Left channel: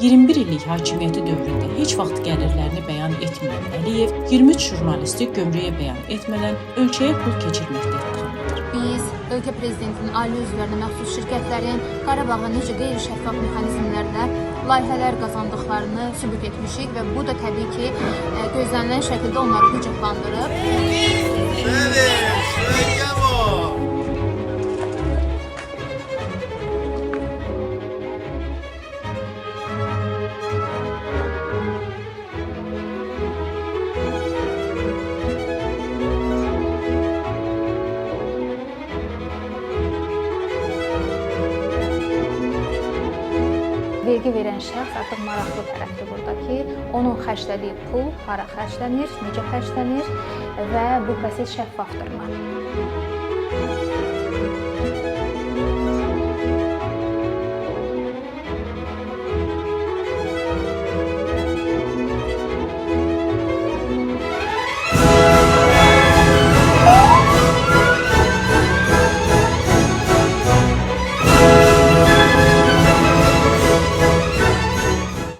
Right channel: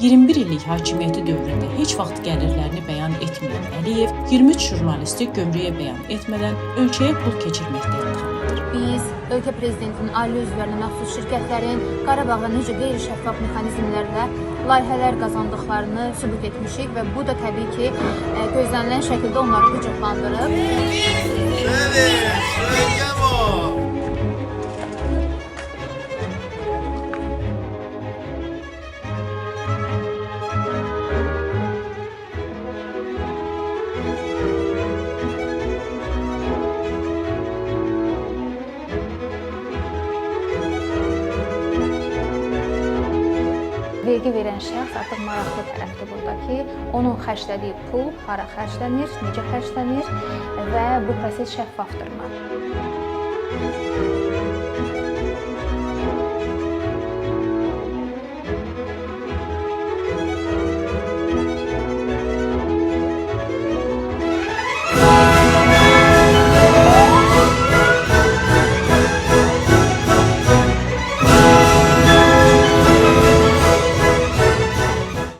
21 illik hakimiyyəti dövründə heç vaxt gəlirlərini bəyan etməyən Əliyev 23 jurnalisti gömrüyə bəyan etmədən ölkəyə pul keçirməkdə ittiham edir. Biz ölkə prezidentinin ailə üzvlərinə məxsus şirkətlərin Qarabağda necə qeyri-şəffaf mexanizmlərlə layihələr qazandıqlarını sübut etmişik və bu da təbii ki, gözlənilən şəkildə onları qıcıqlandırıb. Vergi verən şəxs artıq maraqlı tərəfdir burada ki, onun xərclədiyi pul hara xərclənir, necə xərclənir və bu proses şəffafdırmı?